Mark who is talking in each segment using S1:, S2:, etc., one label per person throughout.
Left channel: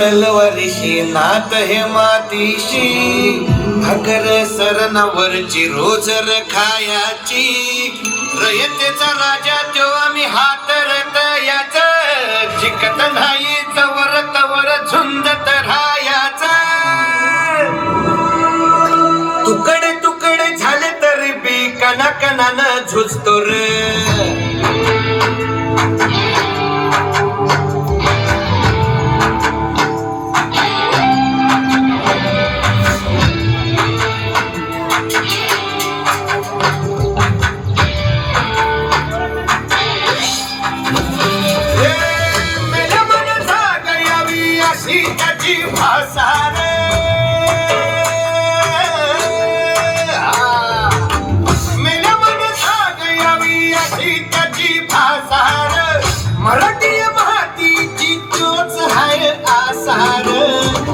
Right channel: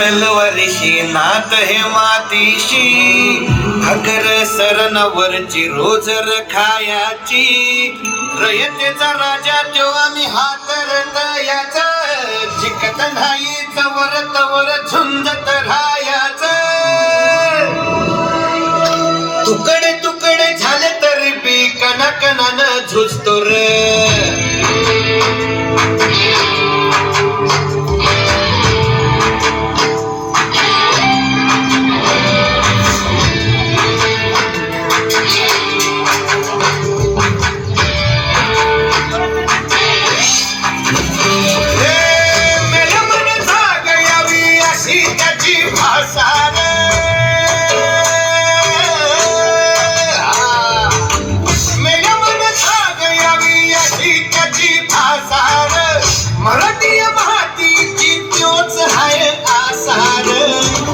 S1: तलवारीशी नात हे मातीशी. भगर सरणावरची रोजर खायाची रयतेचा राजा तो आम्ही हातरत याच जिकत नाही तवर तवर झुंजत राहायच. तुकडे तुकडे झाले तरी बी कना कनानं झुजतो रे.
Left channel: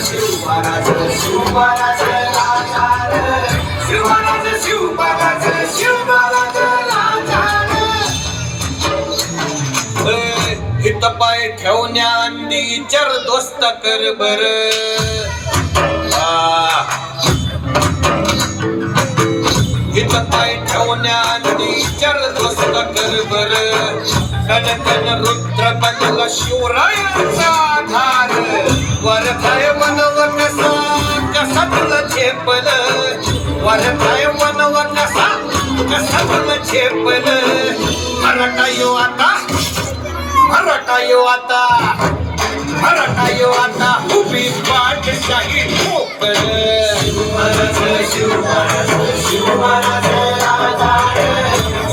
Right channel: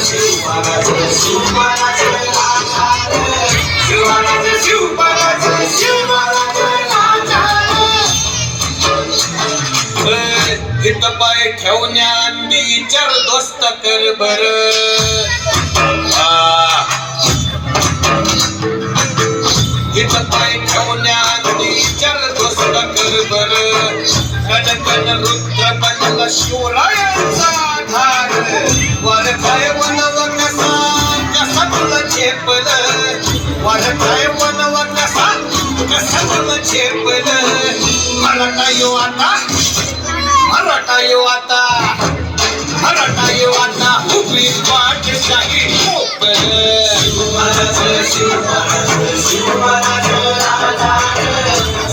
S1: नवराज गड गाव इथं पाय ठेवण्या विचार दोस्त कर बर. इथं पाय ठेवण्या विचार दोस्त कर बर. कनकन रुद्र बनला शिवरायांचा. झेपल. वर काय कसा? कसा मन झेपल. मराठा यो आता. मराठा यो आता. मराठा यो आता उभी पाठशाही महाराज शिवराज शिवराज शिवराज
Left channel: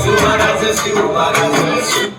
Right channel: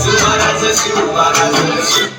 S1: शिवराज शिवराज